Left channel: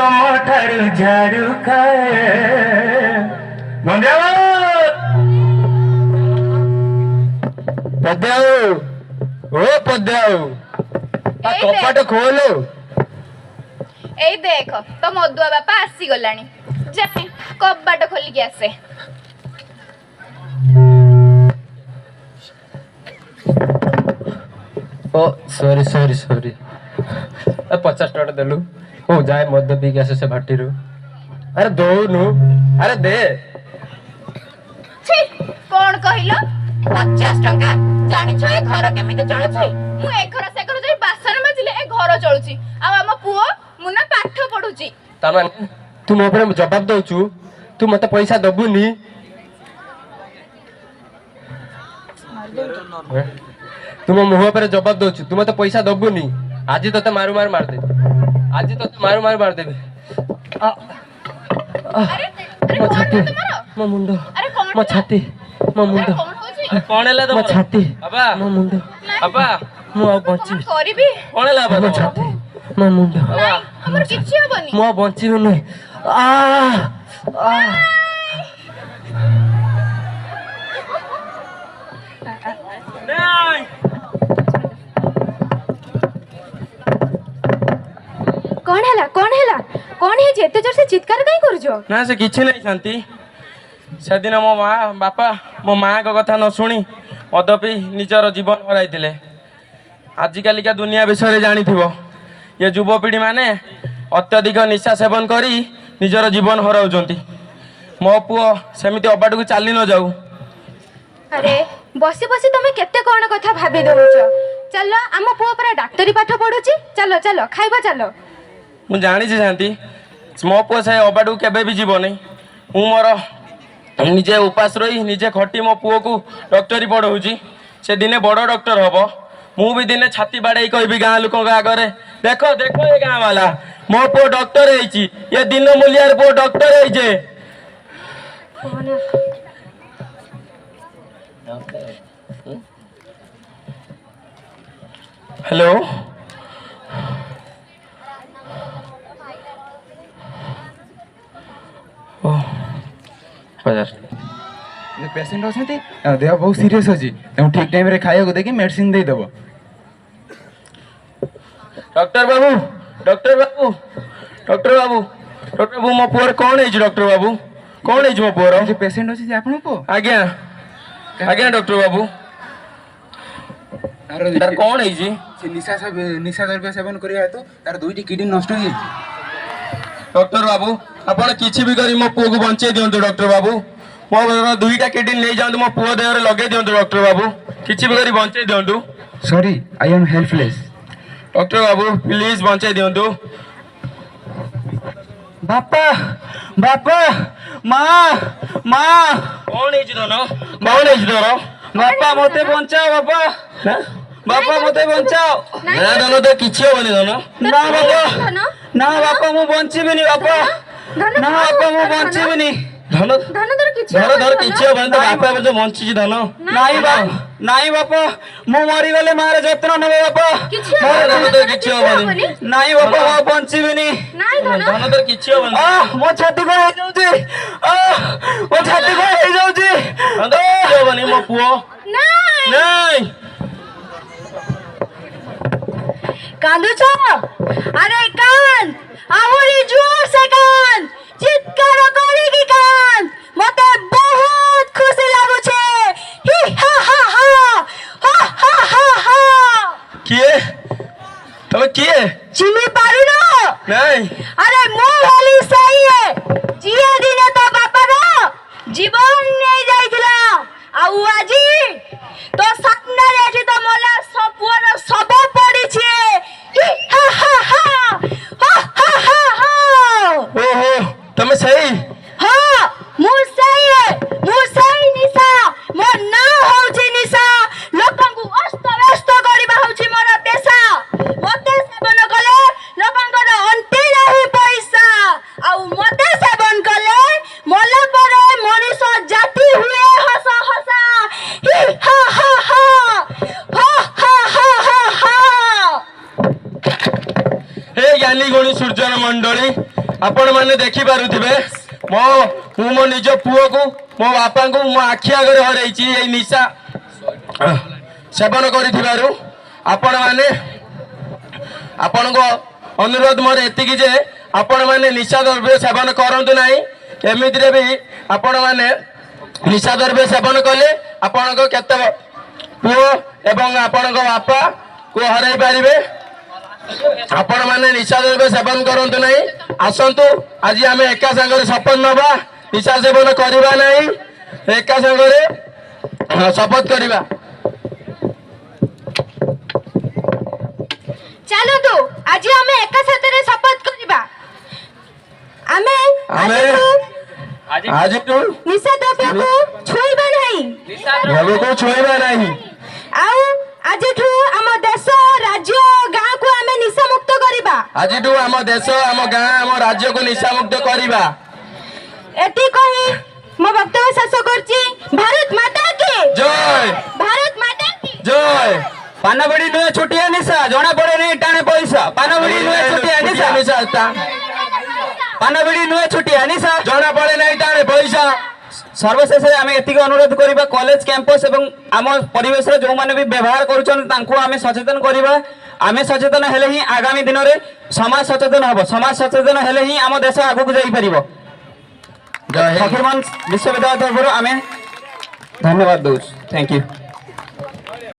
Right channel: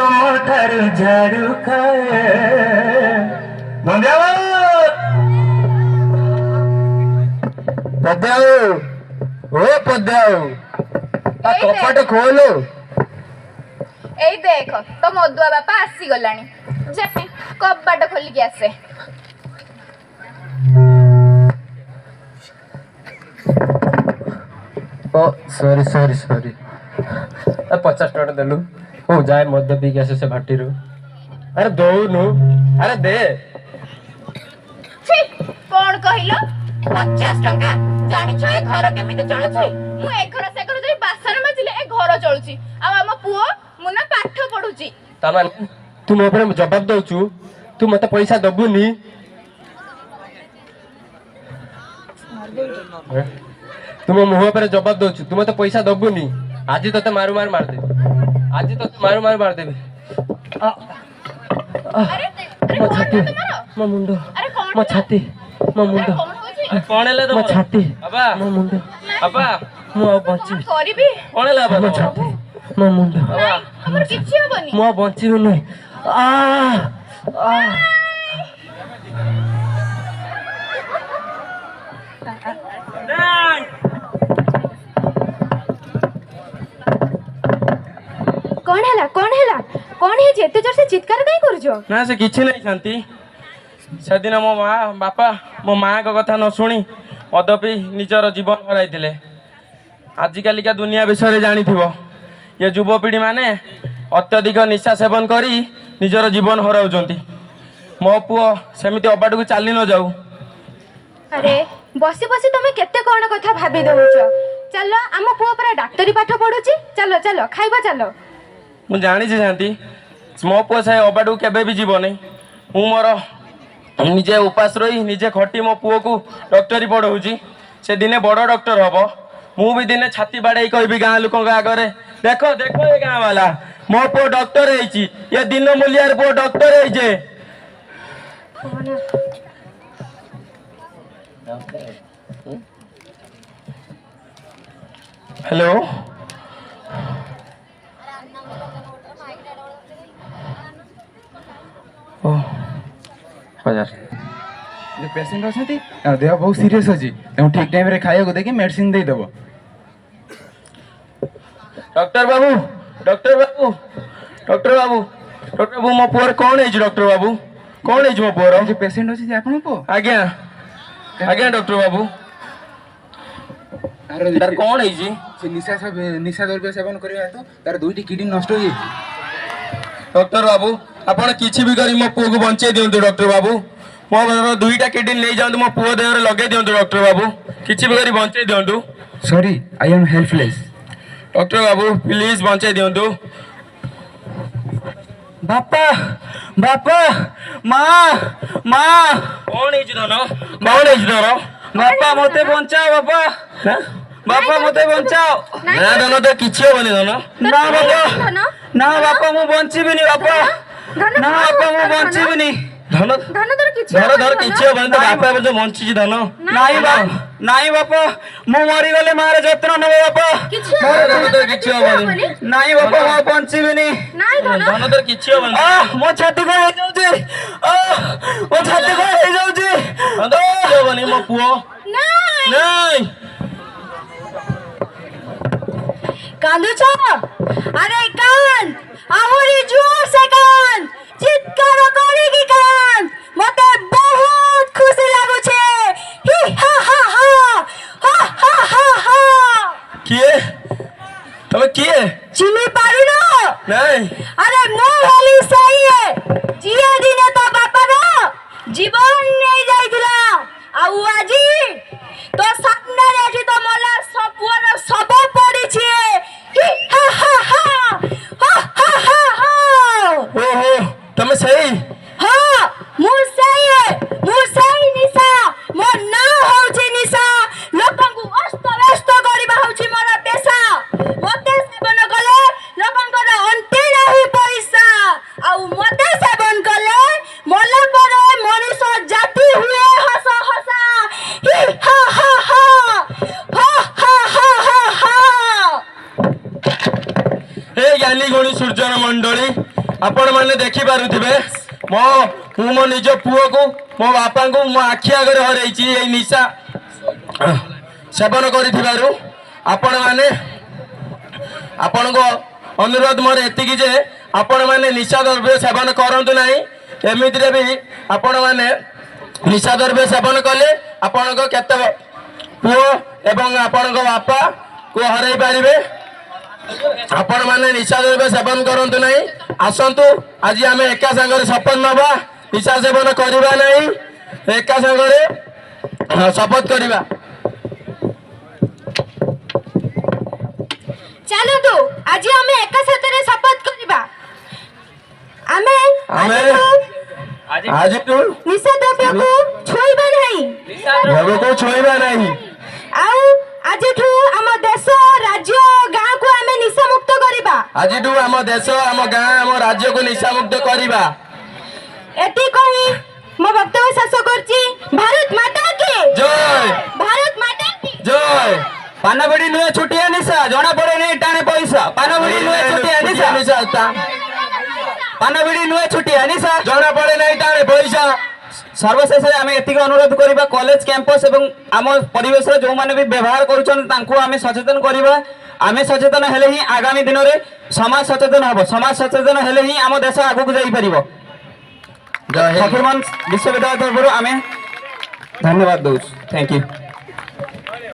ତମ ଠାରୁ ଝାଡୁ ଖାଏ। ପଦ୍ୟାଉ ଓ ପଦ୍ୟାଉ କପାଟ ଖୋଲ। ଏଇ ଦେଖ ତ ମଦୁଆ ବାପା ଆସିଗଲାଣି, ଯାଏ କବାଟ ଖୋଲିକି ଆସେ। ଓ ସରି ସରି ସରି, 50 ଟଙ୍କା ଦେଲୁ। ହଉ ଯାଏ ମଦ ପିଇକି ଆସେ ସେ ଭାଟିରୁ। ଆରେ ଦଉନୁ, ଆରେ ଦେ। ଛି, କଣ କହିଲ? 50 ଟଙ୍କା? ଜାଣିଛ ଏ ଘର କେମିତି ଚଳୁଛି? ମୁଁ ଏ ଘର ସେ ଘର ଯାଇ ବାସନ ମାଜିଲେ ଏ ଘର ଚଳୁଛି, ଆଉ ଆମ ପୁଅ ମୁନା ପାଠ ପଢୁଛି। ତାମାନେ ତୁ ମୋ ଉପରେ ଜବାବ ଦଉଛୁ, ତୁ ମତେ ପଇସା ଦବୁନି? ତୁ ମୋ ମୁହଁ ଉପରେ ଜବାବ ଦଉଛୁ, ତୁ ମତେ ପଇସା ଦବୁନି? ଆଜି ତତେ ମାରୁ ମାରୁ ମାରିଦେବି, ଆଜି ତତେ ମାରୁ ମାରୁ ମାରିଦେବି। ମୋ ଛାତି, ମୋ ମୁଣ୍ଡ, ମୋ ଛାତି, ମୋ ମୁଣ୍ଡ, କଣ ହେଲା ମୋ ଛାତି, ମୋ ମୁଣ୍ଡ, ମୁଁ ଆଉ ବଞ୍ଚିବି? କରିବି? କଣ ହେଲା ମୋ ଛାତି, ମୋ ମୁଣ୍ଡ, ଆମର କିଛି ହବନି। ମୁଁ ଆଉ ବଞ୍ଚିବିନି। କଣ ହେଲା କଣ ହେଲା କଣ ହେଇଛି? ଏତେ ଜୋର ସେ ଚିତ୍କାର କାଇଁ କରୁଛ? ନା ସେ କିଛି ନାହିଁ ଶାନ୍ତି। ସେଦିନ ମୋ ବାପା ମୋ ମାଙ୍କ କଥା ନ ଶୁଣି ମଦ ପିଇ ନିଜର ଜୀବନ ହରାଇଥିଲେ। ଆଜିକାଲିକା ଦୁନିଆ ବିଷୟରେ ଜାଣିଥିବ, ଏ ଯୁବପିଢ଼ି ମାନେ ଅତ୍ୟଧିକ ନିଶା ସେବନ କରି ନିଜର ଜୀବନ ହରାଉଛନ୍ତି। ମୋ ପୁଅ ସେମିତି ଅବାଟକୁ ଚାଲି ନ ଯାଉ। ଆରେ ବସି ବସି ତମେ କେତେ କଣ କଥା ଭାବି ଦଉଛ। ଚାଲ, ଆମ ପୁଅ ପରା ଡାକ୍ତରୀ ପାଠ ପଢୁଛି। ଚାଲ ଚାଲ ଖାଇବା ଚାଲ। ମୁଁ ଜାଣିଛି ଶାନ୍ତି, ମୋ ପୁଅ ସେ ଅବାଟକୁ କେବେ ବି ଯିବନି। ମୁଁ ମୋର ନିଜେ ଉପାସ ରହି ନିଜେ ଖଟି ମୋ ପୁଅକୁ ଡକ୍ଟରୀ ପଢ଼ଉଛି। ସେ ଦିନେ ବଡ଼ ଡକ୍ଟର ହବ। ମୁଁ ବି ଦିନେ ଛାତି ବାଡ଼େଇ କହିବି ଗାଁ ଲୋକଙ୍କ ଆଗରେ, ଦେଖ ଦେଖ ଏ ଗାଁ ବାଲା, ମୋ ପୁଅ ଡକ୍ଟର ହେଇଛି। ଏ ଦିନ ମୂଲିଆର ପୁଅ ଡକ୍ଟର ହେଇଛେ। ହ୍ୟାଲୋ, पेसेंट अच्छा देह बहुत सीरीयस अच्छी ठीक टाइम खाया देखिए मेडिसिन देदेव। डॉक्टर बाबू, डॉक्टर बाबू, डॉक्टर बाबू, डॉक्टर बाबू, मो पुअर कौन है डॉक्टर बाबू? कौन है मो पुअर? जो पेसेंट अच्छे आपन को? आज्ञा आज्ञा डॉक्टर बाबू, तार कौन है जी? निशा द्रव्य सेवन करबा हेतु तार दुईटी किडनी नष्ट हो। डॉक्टर बाबू आपण किछि भी करी मो पुओ को बंचे दियंतु। डॉक्टर बाबू मो दुईटा किडनी ले जांतु, मो पुओ देह रे लगे दियंतु। डॉक्टर बाबू किछि भी करी बंचे दियंतु। Sorry I am helpless. Doctor बाबू प्लीज बंचे दियंतु। बापा बापा माँ माँ कौन है जी धन? कौन है धर? बापा मते बचाओ बापा, बापा मते बचाओ। ना धन तो किछि होबनी धन। ना बापा, ना बापा मु बंचीबिनी बापा, ना बापा मु बंचीबिनी। धन धर धर किछि होबनी तो बापा जो बंची जी धन। नाई बापा, नाई बापा मु मरी गले मारे जत्न नबे बापा। मोर धन तो किछि होबनी। नाई बापा मु बंचीबिनी। धन तो किछि होबनी। मो छाती को हो जाउची, मो छाती को हो जाउची। धन तो किछि होबनी मो पुओ। नहीं कांदुछ? अरे कान, आहुरी जोर से कान, चित्कार करिकी कान। मते बहुत खुशी लागु छे। ही हा हा हा हा हा हा हा। किए तबे किए चिनी पारु न? नहीं अरे मो वाली सही है। जिया दिने तो बापा रो जीवन नहीं जाइथिला, आउ आजी तो सामने एठी तो मोला सबवर सब पड़ी छे। ही हा हा हा हा हा हा हा। ओहो तमे सही। हाँ मु सही है, मु सही निशा। मो ना होउची निशा, लोकंकु अस्त व्यस्त करिबा होउची मोर पेशा। मते सेवन कले लोकंकर अंते नहीं पैसा, आउ मते सेवन कले मोला परे मनीष जाति हुए हसा हसा। ही हा हा हा हा हा हा हा हा। हे ज्ञानी गुणी सूर्यन मंडली, ଆପଣମାନେ ଦେଖିପାରୁଥିବେ ମୁଁ ମୋ ନିଜ ପୁଅକୁ ମୋ ବାପାଙ୍କୁ ମୋ ଆଖି ଆଗରେ ହରେଇଛି ଏଇ ନିଶା ସେବନ କରିଥିବାରୁ। ଆପଣଙ୍କ ଅନୁରୋଧ ମୋର ଏତିକି ଯେ ଆପଣମାନେ ନିଶା ଦ୍ରବ୍ୟ ସେବନ କରନ୍ତୁ ନାହିଁ। ଏମିତିରେ ବି ଆପଣମାନେ ନିଶା ଦ୍ରବ୍ୟ ସେବନ କଲେ ଆପଣଙ୍କ କେତେ ପୁଅ ଏବଂ ଆପଣଙ୍କ ବାପାକୁ ହରାଇ ପାରିବେ। ଆପଣମାନେ ନିଶା ଦ୍ରବ୍ୟ ସେବନ କରନ୍ତୁ ନାହିଁ। ଆସନ୍ତୁ ଆଜି ଆମେ ଏକା ସାଙ୍ଗରେ ଶପଥ ନେବା ନିଶା ସେବନ କରିବା ନାହିଁ। ଏକା ସାଙ୍ଗରେ ଶପଥ କରିବା। ଚାଲନ୍ତୁ ଆଜି ଆମେ ଏକା ସାଥିରେ ଶପଥ କରିବା। ଆମେ ଆଜିଠୁ ନିଶା ଦ୍ରବ୍ୟକୁ ଛୁଇଁବା ନାହିଁ। ଛୁଇଁବା ନାହିଁ। ଆଉ ଆଜିଠୁ ଆମ ଦେଶ ରାଜ୍ୟ ଗାଁକୁ ଆମେ ନିଶା ମୁକ୍ତ କରିବା। ଆଜିଠୁ ଆମ ଦେଶ ଆମ ଗାଁ ଆମ ରାଜ୍ୟକୁ ନିଶା ମୁକ୍ତ କରିବା। ଏଠି କହି ମୋ ବକ୍ତବ୍ୟ ଶେଷ କରୁଛି। ଭାରତ ମାତା କି ଜୟ। ଭାରତ ମାତା କି ଜୟ। ପାନବଡି ନୁହେଁ ଛୋଟିଆ ନିଶା, ଜଣା ପଡେ ନାହିଁ ଟାଣେ ପଇସା। ପାନବଡି ନୁହେଁ ଛୋଟିଆ ନିଶା, ପାନବଡି ନୁହେଁ ଛୋଟିଆ ନିଶା, ଜଣା ପଡେ ନାହିଁ ଟାଣେ ପଇସା। ସର୍ବଶେଷରେ ଆମେ ଏତିକି ଅନୁରୋଧ କରିବା, କଲେଜ କ୍ୟାମ୍ପସ ଏବଂ ଆମ ପରିବେଶରେ ଯେଉଁମାନେ ବି ବ୍ୟବହାର କରୁଛନ୍ତି ତାଙ୍କୁ ଆମେ ସଚେତନ କରିବା। ଆମେ ସଚେତନ ହେଲେ ହିଁ ଆଗାମୀ ଦିନରେ ସମାଜ ସଚେତନ ହେବ। ସମାଜ ସଚେତନ ହେଲେ ହିଁ ଆମ ଦେଶ ଆଗକୁ ଯାଇପାରିବ। ଫକୀରମୋହନ ବିଶ୍ୱବିଦ୍ୟାଳୟ ତରଫରୁ ଆମେ ଧନ୍ୟବାଦ ଦେଉଛୁ। Thank you.